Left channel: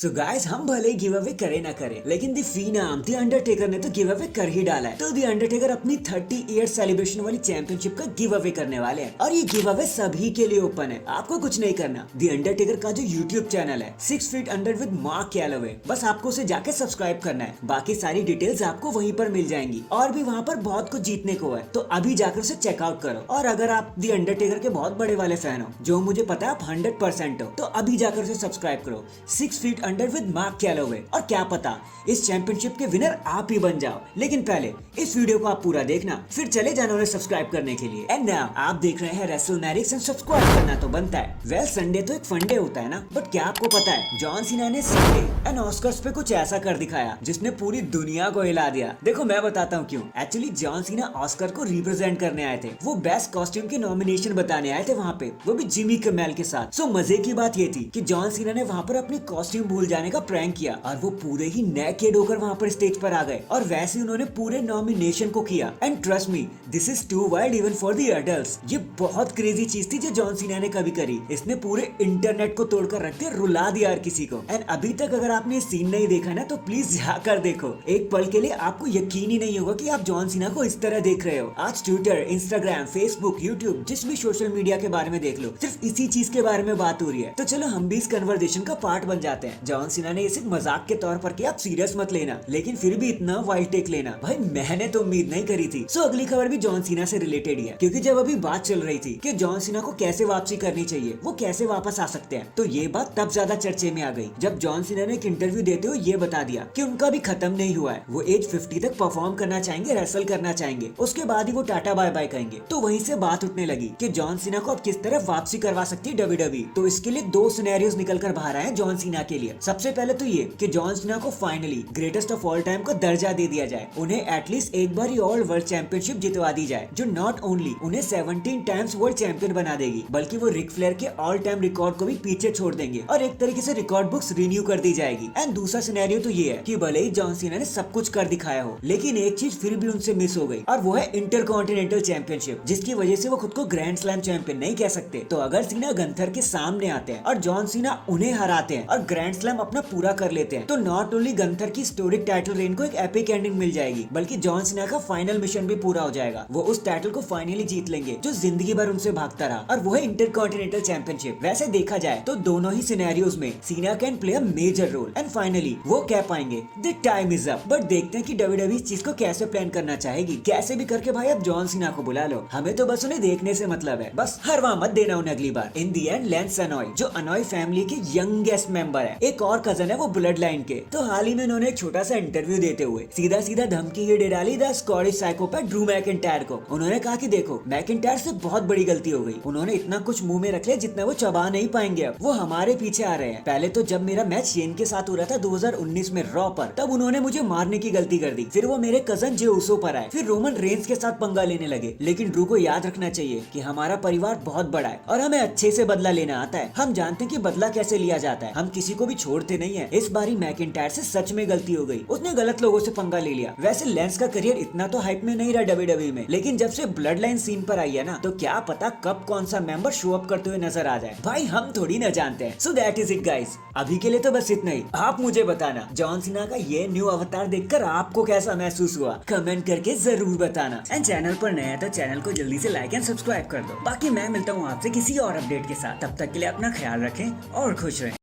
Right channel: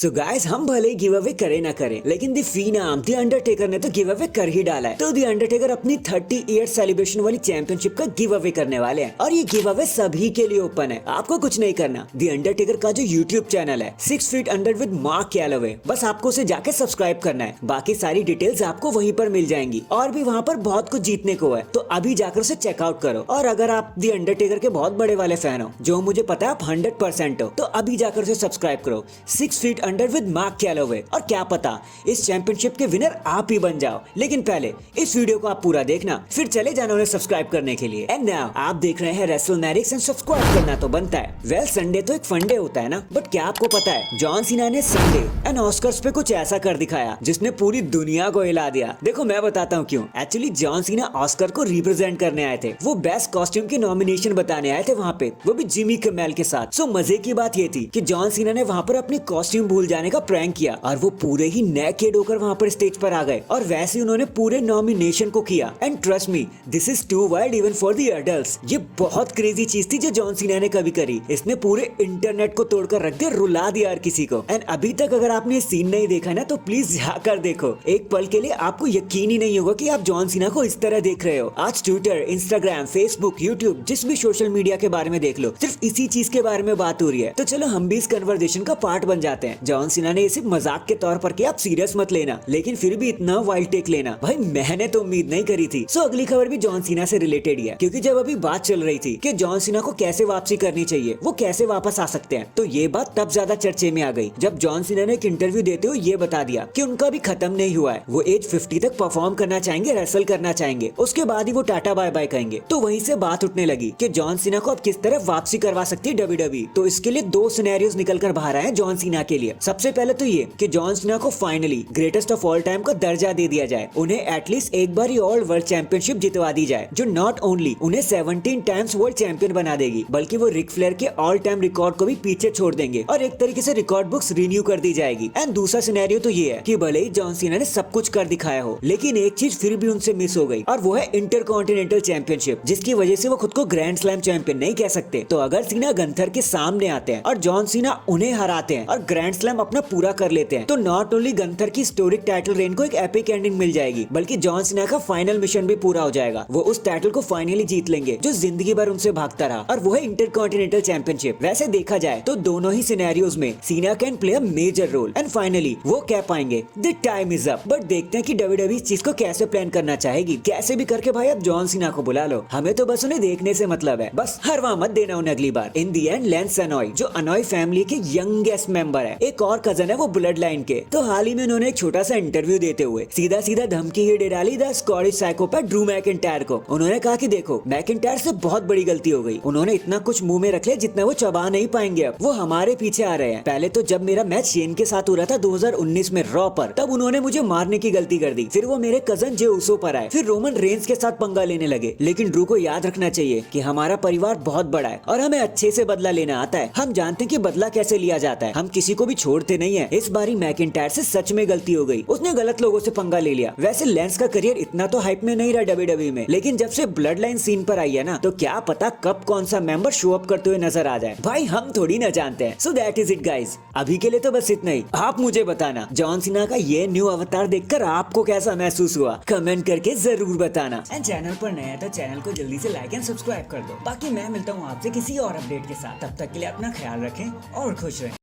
So guys, हम भले ही give away करे ना करें, लेकिन दी फिनाम दी अंडरटेकर ने तो गिव अवे कर ही डाला है। तो दी अंडरटेकर अपनी 30 ईयर सेलिब्रेशन वाली चैंपियनशिप का गिव अवे करने वाले हैं और ये गिव अवे सभी के लिए ओपन है। आपको कुछ नहीं करना, दी अंडरटेकर का जो यूट्यूब चैनल है 6 feet under with mark Calloway, बस आपको उसे जाके सब्सक्राइब करना है। बाकी सारी डिटेल्स आपको वहीं पर मिल जाएंगी और भी वहाँ पर बहुत कुछ जीतने को है, तो अभी जाकर उसे चेकआउट करो। और अगर आप दी अंडरटेकर के बहुत बड़े वाले फैन हो, जो मुझे पता है आप 100% हो, तो अभी जाकर उसे सब्सक्राइब करो 6 feet under with mark Calloway. और क्या पता इस चैंपियनशिप के विनर आप ही बन जाओ। लेकिन पहले इस वीडियो को आप पूरा देखना, फिर चले जाना उन्हें सब्सक्राइब करने के लिए। एंड नाउ आप देख रहे हैं रेसलमैनिक्स एंड सब्सक्राइब करना तो बनता है। वेल, संडे तो एक फंडे होता है ना, बट क्या आपको पता है जॉन सीना ने संडे एंड ऑस्कर्स पे कुछ ऐसा कर दिखाया जिसने पूरी दुनिया को हिला दिया। देखो मैं बताता हूँ क्यों। एक्चुअली जॉन सीना ऑस्कर को रिप्रेजेंट करने आए थे। वो बेस्ट कॉस्ट्यूम के नॉमिनेशन बताने आए थे वहाँ पे, वो भी जिमी किमेल के साथ। सो मजे की बात ये थी कि जॉन सीना ने वहाँ पर अपनी कॉस्ट्यूम भूल जाने का प्रैंक किया और वो पूरे ही नेकेड होकर वहाँ पर स्टेज पर आ गए और वैसे ही उन्होंने पूरे नॉमिनेशन को किया। And trust me, this is too wild even for the adults. ये बहुत क्रेजी चीज थी जो जॉन सीना ने कभी करी। इसने पूरे इंटरनेट को तोड़कर रख दिया, रुला दिया हर किसी को। एंड अभी तक अगर आपने ये सीन नहीं देखा ना, तो प्लीज जाकर देखो। एक पल के लिए आपको यकीन ही नहीं होगा कि आप जॉन सीना को इस तरह देख रहे हो। आज ट्विटर, इंस्टाग्राम, फेसबुक, यूट्यूब, जिस भी सोशल मीडिया के बारे में देख लो, सिर्फ इसी चीज के बारे में बात हो रही है। तो चलो हम भी इस कन्वर्सेशन का पार्ट बन जाते हैं। जॉन सीना ने ये सिर्फ मजाक के तौर पर किया, आप सीरियस मत लेना, लेकिन फिर भी इतना वाइल्ड टेक लेना भाई मैंने तो उम्मीद नहीं करी थी। सो अगली खबर भी जॉन सीना से रिलेटेड ही है, क्योंकि जब अभी बात चल रही थी कि जॉन सीना को कैसे वापसी करनी चाहिए, वो कैसे वापस आ सकते हैं, तो ये बात तब ज्यादा चर्चे में आ गई जब जॉन सीना ने एक इंटरव्यू देते हुए ये बता दिया कि उनका भी खत्म नहीं हुआ है। वो एज 50 तक परफॉर्म करना चाहेंगे, रेसल करना चाहेंगे, उसके बाद ही वो टाटा बाय बाय कहेंगे। तो वहीं से बात उठने लगी कि जॉन सीना को अब किस तरह वापसी करवा सकती है डब्ल्यूडब्ल्यूई। तो इसके लिए दो सिनेरियोस निकल कर बाहर आए जॉन सीना के लिए। सबसे पहले तो ये कि जॉन सीना को finally greatest of all time का दर्जा दे दिया जाए, उन्हें एटलीस्ट एक बार ही ऑल वर्ल्ड चैंपियनशिप जितवा दी जाए, जो नॉट ओनली उन्हें 17 टाइम्स वर्ल्ड चैंपियन बना देगी, बल्कि वो रिक फ्लेयर के ऑल टाइम रिकॉर्ड को भी पीछे छोड़ देंगे और एक तरीके से रिकॉर्ड बुक्स रिन्यू कर दी जाएगी। एंड दूसरा सिनेरियो तो ये है कि भले ही जॉन सीना ने सब कुछ कर दिखाया हो, लेकिन एक चीज फिर भी उनसे मिस हो गई, और वो है इंटरकॉन्टिनेंटल चैंपियनशिप, जिसकी वजह से वो खुद को ग्रैंड स्लैम चैंपियन नहीं कह सकते। तो अगर सीना गंथर के सामने आते हैं और जॉन सीना उन्हें हराते हैं और ग्रैंड स्लैम अपना पूरा कर लेते हैं, तो नॉट ओनली गंथर की हिस्टोरिक टाइटल रेन को एक एपिक एंडिंग मिल जाएगी, बल्कि जॉन सीना का फाइनल मिशन भी पूरा हो जाएगा। वो उस टाइटल को फाइनली जीत लेंगे जो जिंदगी भर उनसे भागता रहा, और वो है इंटरकॉन्टिनेंटल चैंपियनशिप। वैसे देखा जाए तो दोनों ही सिनेरियोज में सीना can play a major role, and finally वो कह पाएंगे the time is up. But देखते हैं कि डब्ल्यूडब्ल्यूई इस चीज को कैसे प्लान करना चाहेगी। कैसे भी करके भाई अब जॉन सीना को बुला लो, हमें तो बस उन्हें देखने से मतलब है, बस हरवा मत देना उन्हें अगली बार। इन दी एंड लैंस अनॉय, जो अनॉय फैमिली के यंगेस्ट मेंबर है, एक और कजन है वो ब्लड लाइन के, तो हाल ही में उन्होंने एक छोटा सा इंटरव्यू देते हुए सीधा सीधा धमकी ही दे डाली the Scottish psychopath Drew McIntyre को। उन्होंने कहा कि देखो, मैकिंटायर से बहुत बड़ी गलती हो गई, उन्होंने इतना कुछ मुंह में रख लिया जितना वो चबा नहीं पाएंगे, अब वो हमारे पीछे आ रहे हैं। पहले तो जब मेरा मैच शेन के साथ हो रहा था 2019 में रॉ पर, तब उन्होंने मुझे मारने की गलती कर दी, फिर वो मेरे कजन जे उसो पर आए, फिर रोमन रेंस के साथ पंगा लेने लगे। लेकिन ड्रू को याद रखना चाहिए कि हमारा परिवार बहुत बड़ा है और हमें अच्छे से बदला लेना आता है। हम जानते हैं कि बदला कैसे लिया जाता है, हम किसी को भी छोड़ते नहीं है। इस बारी मैकिंटायर से सच में गलती हो गई, उसने गलत लोगों से पंगा ले लिया। वैसे लेंस का करियर इतना तो हाइप में नहीं रहा डब्ल्यूडब्ल्यूई में, लेकिन जब से ब्लड लाइन सीन पर आई है ना, तो क्या पता कब कौन सा मेंबर शो अप करते हुए नजर आ जाए, भाई हम थोड़ी ना जानते हैं। So that is it guys, अभी के लिए तो बस इतना ही। आप मुझे बताना जॉन सीना का ये न्यू अवतार देखकर आपको कैसा महसूस हुआ, कमेंट करके जरूर बताना। एंड चैनल पर नया है तो चैनल को जल्दी से लाइक एंड सब्सक्राइब कर दो। बाकी मैं मिलता हूँ आपसे किसी और अपडेट के साथ, तब तक के लिए अपना ख्याल रखें और खुश रहें।